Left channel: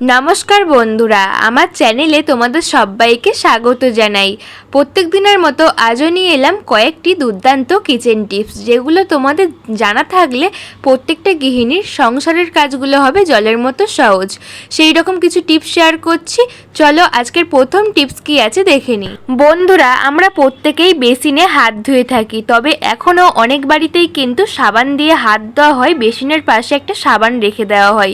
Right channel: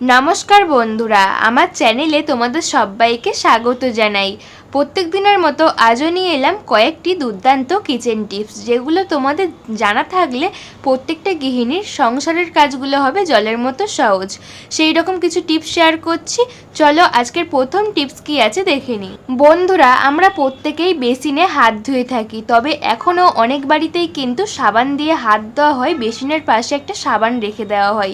নমস্কার বন্ধুরা, আমার চ্যানেলে তোমাদের সবাইকে স্বাগত জানাই। প্রত্যেক দিনের মতো আজও নিয়ে এলাম কয়েকটি দুর্দান্ত কিচেন টিপস, যেগুলো তোমাদের জানা থাকলে প্রত্যেকটা গৃহিণীর সংসারের কাজগুলো হবে জলের মতো সহজ। সেই রকম কিছু টিপস শেয়ার করছি, চলো আজকের প্রথম টিপস কি আছে দেখে নিই। বন্ধুরা, আমরা প্রত্যেকেই বেসিনে হাত ধুয়ে থাকি, তবে এখনও অনেক বাড়িতেই কিন্তু সাবান দিয়ে হাত দেওয়া হয়, বেসিনের পাশে একটা সাবান রেখে দেওয়া হয়।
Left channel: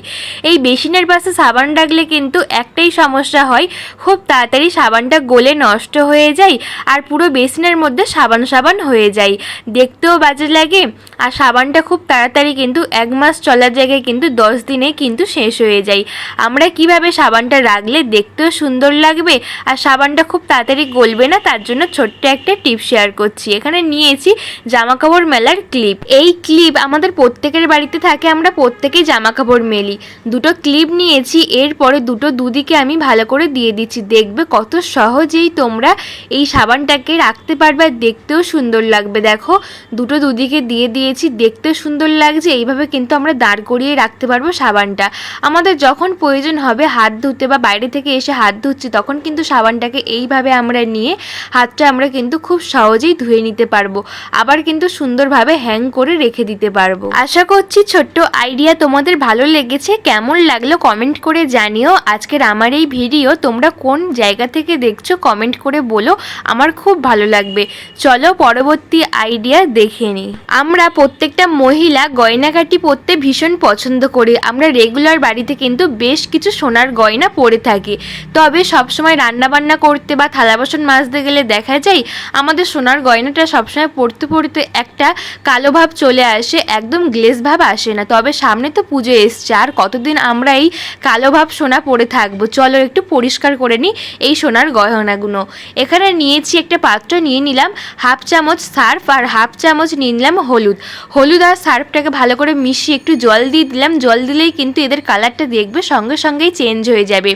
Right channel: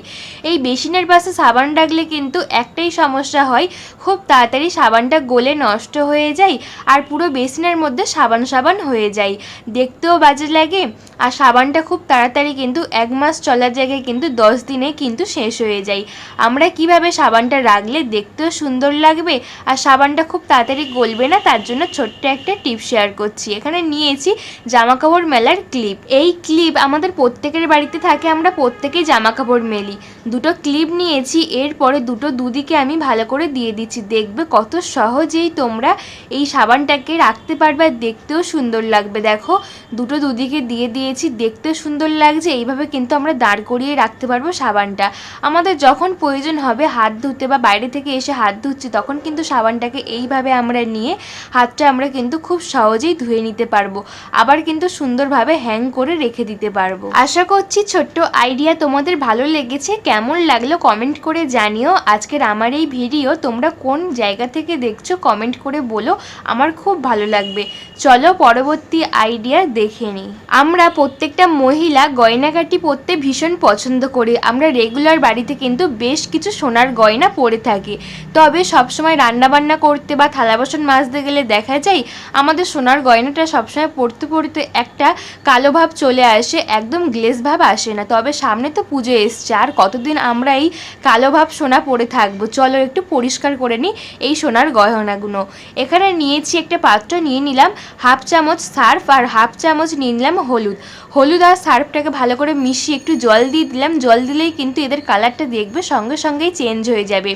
এই বেসিনের পাশে সাবান রাখলে কিন্তু একটাই সমস্যা হয়, খুব তাড়াতাড়ি সাবানটা গলে নষ্ট হয়ে যায় আর পুরো বেসিনের মধ্যে সাবান সাবান হয়ে যায়। দেখতেও বাজে লাগে আর সাবানটা খুব তাড়াতাড়ি কিন্তু এক মাস চলার জায়গায় কিন্তু দশ দিনে কিন্তু শেষ হয়ে যায়। আমরা কীভাবে সাবানটা রাখলে দেখতেও সুন্দর লাগবে আর সাবানটা খুব তাড়াতাড়ি গলবে না তার জন্য ছোট্ট একটা টিপ শেয়ার করছি। এখানে নিয়েছি জামা কাপড় মেলার ক্লিপ। এই ক্লিপ আমাদের প্রত্যেকের বাড়িতে থাকে, আমরা প্রত্যেকেই জামা কাপড় মেলি। দুটো ক্লিপ নিয়েছি এরপরে দুটো দুদিকে আমি ভালো করে দিয়ে দিচ্ছি। দেখবে কত সহজেই তোমরা এই সাবানটাকে রাখতে পারবে, দেখতেও সুন্দর লাগবে। দেখো, দুটো দুদিকে দিয়ে দিয়েছি দেখতেও সুন্দর লাগছে। এইভাবে কিন্তু আমরা দাঁড় করিয়ে রাখতে পারব সাবানটা। আমাদের যখন প্রয়োজন হবে হাত ধুতে বা বাইরে থেকে এসে হাত ধুচ্ছি, তখন কিন্তু সাবানটাকে এইভাবে আমরা নিয়ে হাতটা আমরা কিন্তু খুব সহজেই ধুয়ে নিতে পারব। আবার কিন্তু সুন্দরভাবে হ্যাং করে রেখে দিতে পারব। আশা করছি ছোট্ট আইডিয়া তোমাদের ভালো লেগেছে। কেমন লাগল কমেন্ট করে জানিও আজকের আমার এই ভিডিও তোমরা কোন জায়গা থেকে দেখছ কমেন্ট করে বলো, আমার খুব ভালো লাগবে। চলো পরবর্তী আইডিয়া দেখে নিই। আমরা প্রত্যেকটা মহিলা গয়নাগাটি পরতে ভীষণ পছন্দ করি। আমরা রেগুলার বাড়িতে কিন্তু বেশ কিছু সোনার গয়না পরে থাকি। তবে সবসময় রান্নাবান্না করতে বা থালা বাসন মাজতে গেলে দেখা যায়, আমাদের সোনার গয়নাটা সবসময় পরতে পরতে একটা কালো ভাব চলে আসে, একদম গ্লেজ ভাব আসে না। তবে সামনে তো পুজো এসছে, আর কতদিন আমরা এই কালো ভাব সোনা পরে থাকব। চলো একটু পরিষ্কার করে নিই এই সোনার গহনাগুলো। এখানে নিয়েছি একটা পাত্র, নিয়ে নিলাম হাফ চামচ সার্ফ আর হাফ চামচ নিয়ে নিলাম হলুদ। হলুদ আর সার্ফটাকে ভালো করে মিশিয়ে একটু জল দিয়ে দিলাম। জল দিলেই কিন্তু এদের কালারটা দেখবে সঙ্গে সঙ্গেই চেঞ্জ হয়ে যাবে।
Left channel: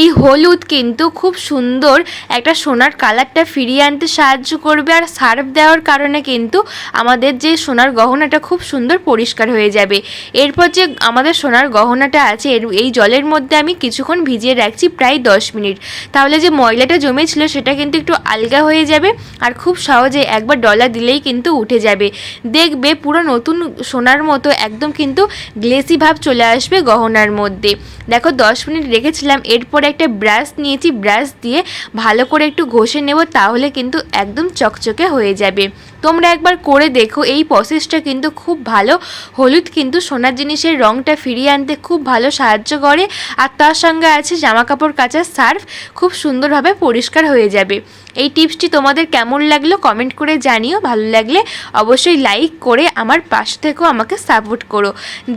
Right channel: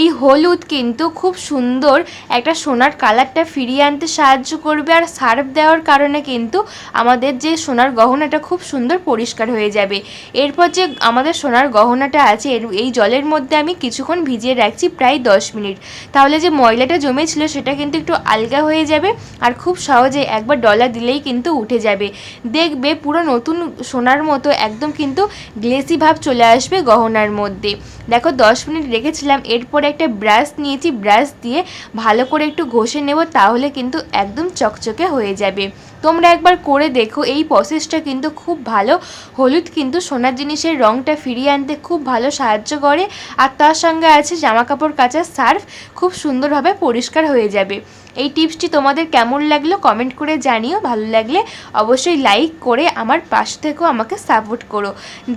এই হলুদ কিন্তু খুব সুন্দর একটা সোনার কালারটা ফিরিয়ে আনতে সাহায্য করবে আর সার্ফ দেওয়ার কারণে কিন্তু আমাদের যে সোনার গহনাটা খুব সুন্দর পরিষ্কার হয়ে যাবে। এরপর যে আমাদের সোনার গহনাটা আছে এই জলের মধ্যে আমি কিছুক্ষণ ভিজিয়ে রাখছি প্রায় দশ মিনিট। তাহলে যে ময়লাটা জমেছিল সেটা কিন্তু একটু আলগা হয়ে যাবে আর খুব সহজে একবার ডলা দিলেই কিন্তু উঠে যাবে। দেখবে পুরো নতুন সোনার মতো একদম কিন্তু গ্লেসি ভাব চলে আসবে গহনার মধ্যে। দেখো দশ মিনিট রেখেছিলাম, এরপরে একটা ব্রাশ নিয়েছি ব্রাশ দিয়ে ভালো করে একটু ঘষে নেব, তাহলে কিন্তু একদম চকচকে হয়ে যাবে। তোমরা একবার করে দেখো, এই প্রসেসটা কিন্তু খুব ভালো। হলুদ কিন্তু সোনার জিনিসের রঙটা ফিরিয়ে আনতে খুব ভালো সাহায্য করে। আর তার সঙ্গে আছে জামাকাপড় কাচার সার্ফ, খুব সুন্দরভাবে পরিষ্কার হয়ে যাবে। এই টিপসটি তোমাদের কেমন লাগল কমেন্ট করে জানিও। ভালো লাগলে অবশ্যই লাইক করে আমার পাশ থেকেও আমাকে সাপোর্ট করো।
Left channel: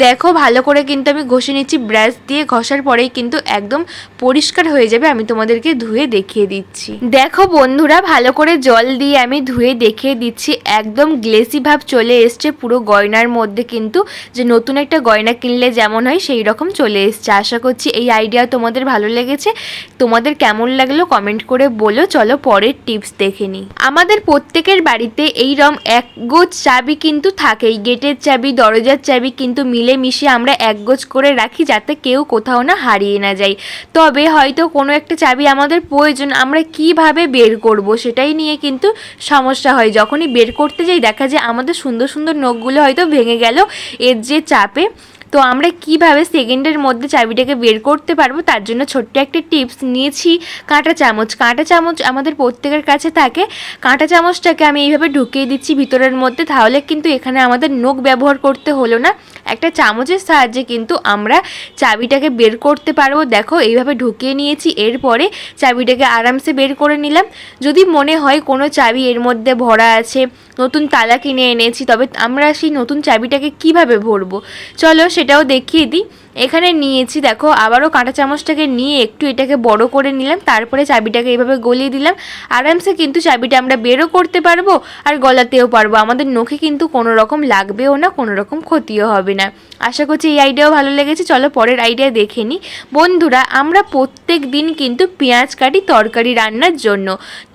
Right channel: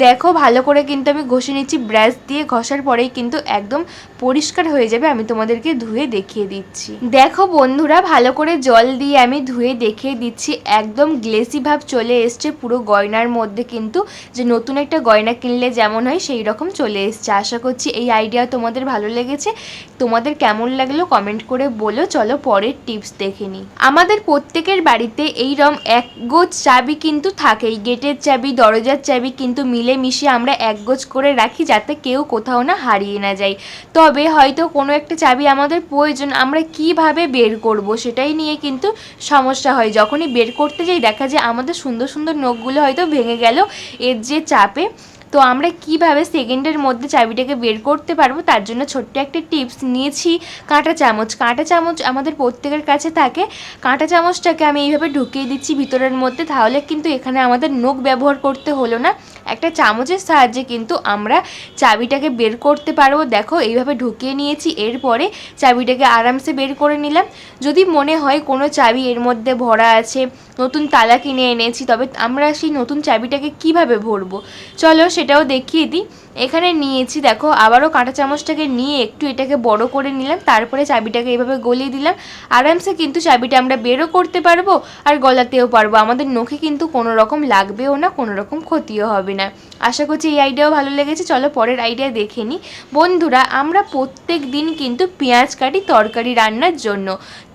দেখো, ভালো করে কিন্তু আমি ঘষে নিচ্ছি, ব্রাশ দিয়ে ঘষার পরেই কিন্তু একদম পরিষ্কার হয়ে যাবে, আমি তোমাদেরকে ধুয়ে দেখিয়ে দিচ্ছি। দেখো বন্ধুরা, ভালো করে জল দিয়ে আমি ধুয়ে দেখিয়ে দিচ্ছি, একদম গ্লেসি ভাব চলে এসছে পুরো গয়নার মধ্যে কিন্তু। যে নতুন একটা গয়না কিনলে যেমন হয়, সেই রকম চলে এসছে। আশা করছি এই আইডিয়া তোমাদের ভালো লেগেছে। তোমাদের কেমন লাগল কমেন্ট করে বলো। চলো পরের টিপস দেখে নিই। আমাদের প্রত্যেকের বাড়িতে এই রম এক গোছ চাবি কিন্তু থাকেই, গেটের চাবি, দরজার চাবি কিন্তু মিলে মিশে আমরা এক গোছ করে রাখি যাতে কেউ কোথাও না হারিয়ে না যায়। তবে হয়তো কোনো একটা চাবি আমাদের প্রয়োজন, আমরা কীভাবে বের করব সেটাই নিয়ে কিন্তু সমস্যা হয়। যখনই বের করতে যাই দেখা যায় আমাদের সুন্দর সুন্দর নখগুলো হয়তো ভেঙে গেল, এর যে চাপে তো আমরা কীভাবে সেকেন্ডের মধ্যে চাবিটাকে বের করতে পারব, তার জন্য ছোট্ট একটা টিপস নিয়েছি। কাঁটা চামচ কাঁটা চামচ আমাদের প্রত্যেকের কাছে থাকে। কাঁটা চামচটাকে আমি এইভাবে ঢুকিয়ে দিচ্ছি ভিতরের মধ্যে, তাহলে কিন্তু এখানে আমাদের নখ ব্যবহার করতে হলো না। একটা চামচের সাহায্যে কিন্তু আমরা চাবিটাকে বের করতে পারব। দেখো, এইভাবে ঢুকিয়ে নিয়েছি, এরপরে চাবিটাকে আরামসে বের করে নিলাম। যদি মনে হয় কোনো চাবি এর মধ্যে ভরা আছে নতুন তালা কিনে এনেছি, তবে আমরা সেই নতুন চাবিটাকে কীভাবে ভরবো? চলো সেটাও দেখিয়ে দিই। এখানে নিয়েছি, দেখো, আবারও কাঁটা চামচটাকে নিয়ে একটু এটাকে বড় করে নিলাম, তারপরে চাবিটাকে এভাবে গলিয়ে দিলাম। আরামসে কিন্তু চাবিটা আমরা বেরও করতে পারব আর গলাতেও পারব। আমাদের নখে কিন্তু কোনো রকম লাগবেও না কোনো রকম ক্ষতিও হবে না। আশা করছি এই আইডিয়াও ভালো লেগেছে। চলো পরের আইডিয়া দেখে নিই। বন্ধুরা, আমরা প্রত্যেক দিন কিন্তু পেঁয়াজ কাটি তরকারি রান্নার জন্য,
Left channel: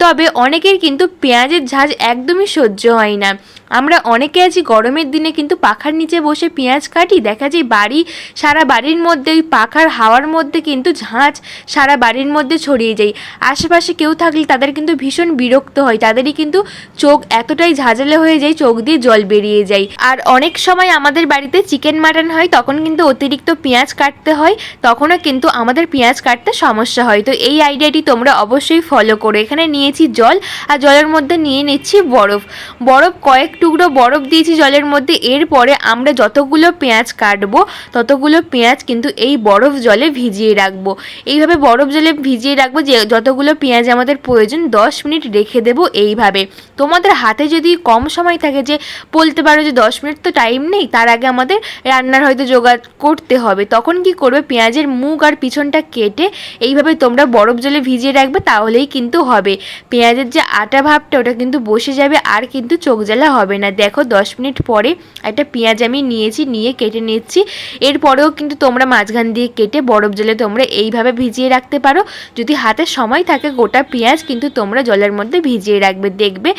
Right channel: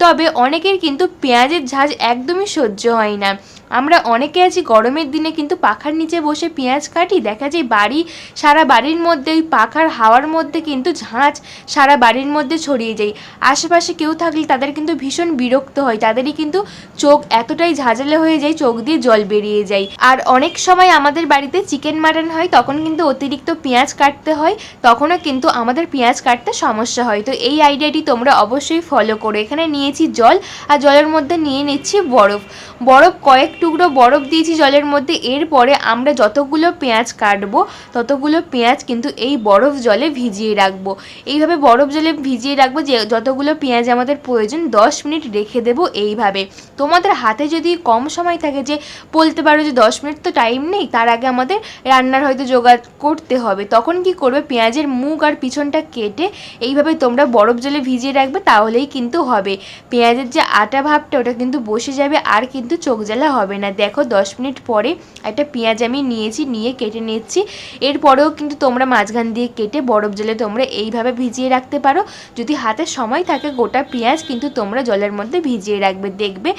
তবে অনেকের কিন্তু পেঁয়াজের ঝাঁজ একদমই সহ্য হয় না। আমরা অনেকে আছি গরমের দিনে কিন্তু পাখার নিচে বসে পেঁয়াজ কাটি, দেখা যায় বাড়ি, সারা বাড়ির মধ্যে ওই পাখার হাওয়ার মধ্যে কিন্তু ঝাঁঝ সারা বাড়ির মধ্যে ছড়িয়ে যায়। আশেপাশে কেউ থাকলে তাদের কিন্তু ভীষণ বিরক্ত হয়, তাদেরই কিন্তু চোখ এতটাই ঝাঁঝালে হয়ে যায়, চোখ দিয়ে জল বেরিয়ে যায়। আর অনেক সময় আমাদের বাড়িতে চিকেন মাটন হয়, তখন কিন্তু অতিরিক্ত পেঁয়াজ কাটতে হয়, তখনও কিন্তু আমাদের পেঁয়াজ কাটতে সমস্যা হয়। তো এই আইডিয়াটি তোমরা অবশ্যই ফলো করো। এখানে নিয়েছি জল, আর জলের মধ্যে নিয়ে নিচ্ছি বরফ। বরফ কয়েক টুকরো বরফ দিয়েছি জলের মধ্যে, এরপরে আমরা যতগুলো পেঁয়াজ কাটবো, ততগুলো পেঁয়াজ কিন্তু এই বরফ জলে ভিজিয়ে রাখব। এইভাবে বরফ জলে ভিজিয়ে রাখব যে, যতগুলো পেঁয়াজ আমাদের প্রয়োজন, দশ মিনিট রেখে দেবো এইভাবে। তোমাদের হাতে যদি কম সময় থাকে যে, বলতে পারো যে দশ মিনিট তো টাইম নেই, তার আগে আমাদের রান্নার হয়তো জোগাড় করতে হবে। তখন কি করবে, পেঁয়াজের মুখ আর পিছনটা কেটে এইভাবে তোমরা বরফ জলে ভিজিয়ে রাখবে, তাহলেই কিন্তু হবে। পেঁয়াজের যে আটা ভাবটা, ওটা কিন্তু বসে যাবে, আর কিন্তু চোখ জ্বালা হবে না। দেখো, দশ মিনিট পরে একটা পেঁয়াজ আমি নিয়েছি, নিয়ে কেটে নিচ্ছি। এরপরেও কিন্তু তোমরা মাঝখান দিয়ে কেটে বরফ জলে তোমরা এইভাবে ভিজিয়ে রাখতে পারো। যদি হাতে সময় থাকে, গোটা পেঁয়াজ কিন্তু তোমরা জলের মধ্যে ভিজিয়ে রাখবে, দেখবে।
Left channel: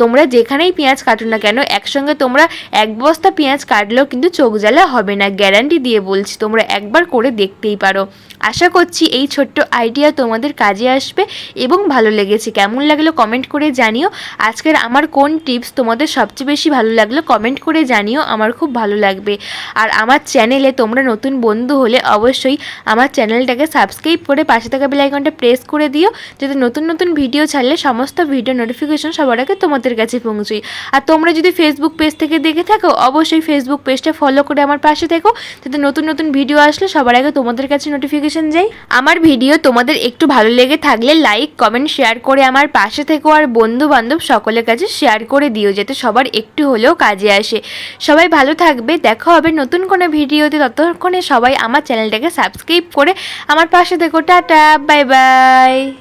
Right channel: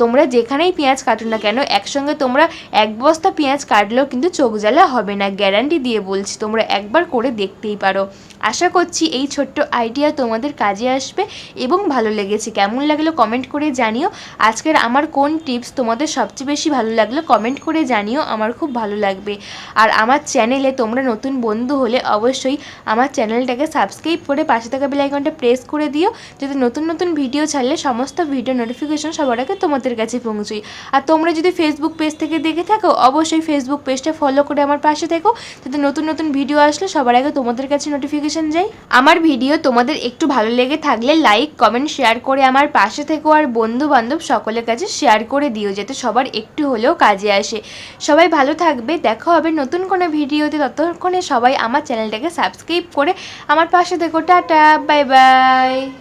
তোমরা যেখানেই পেঁয়াজ কাটো না কেন, একসঙ্গে তোমরা এক বস্তা পেঁয়াজ কাটলেও কিন্তু চোখ জ্বালা হবে না। গ্যারান্টি দিয়ে বলছি, তোমরা একবার করে দেখতেই পারো। আশা করছি এই ছোট্ট আইডিয়া তোমাদের কাজে আসবে এবং ভালো লেগেছে। কেমন লাগল কমেন্ট করে জানিও। আজকের আমার কোন টিপস তোমাদের সবচেয়ে বেশি ভালো লাগল কমেন্ট করে জানিও, আমার খুব ভালো লাগবে। আর আমার চ্যানেলে তোমরা নতুন বন্ধু হলে অবশ্যই আমার চ্যানেলটাকে সাবস্ক্রাইব করে পাশে থাকা বেল আইকনটা প্রেস করে দিও, যাতে নতুন নতুন ভিডিও ছাড়লে সমস্ত ভিডিও নোটিফিকেশন সবার আগে তোমাদের কাছে পৌঁছই আর তোমরা যদি ফেসবুক পেজ থেকে দেখে থাকো, অবশ্যই ফেসবুক পেজটা ফলো করে আমার পাশে থেকো, যাতে নতুন নতুন ভিডিও আসলে সবার আগে তোমাদের কাছে নোটিফিকেশন যায় আমার ভিডিও তোমাদের একটু ভালো লেগে থাকলে লাইক কমেন্ট শেয়ার করে আমার পাশে থেকো আর বন্ধু বান্ধব সকলের কাছে শেয়ার করে দিও যাতে সবার একটু হলেও কাজে আসে। সবাই ভালো থাকবে, দেখা হবে নতুন কোনো ভিডিওতে। ততক্ষণে সবাই আমার চ্যানেলটাকে সাবস্ক্রাইব করে আমার পাশে থেকো। Tata bye bye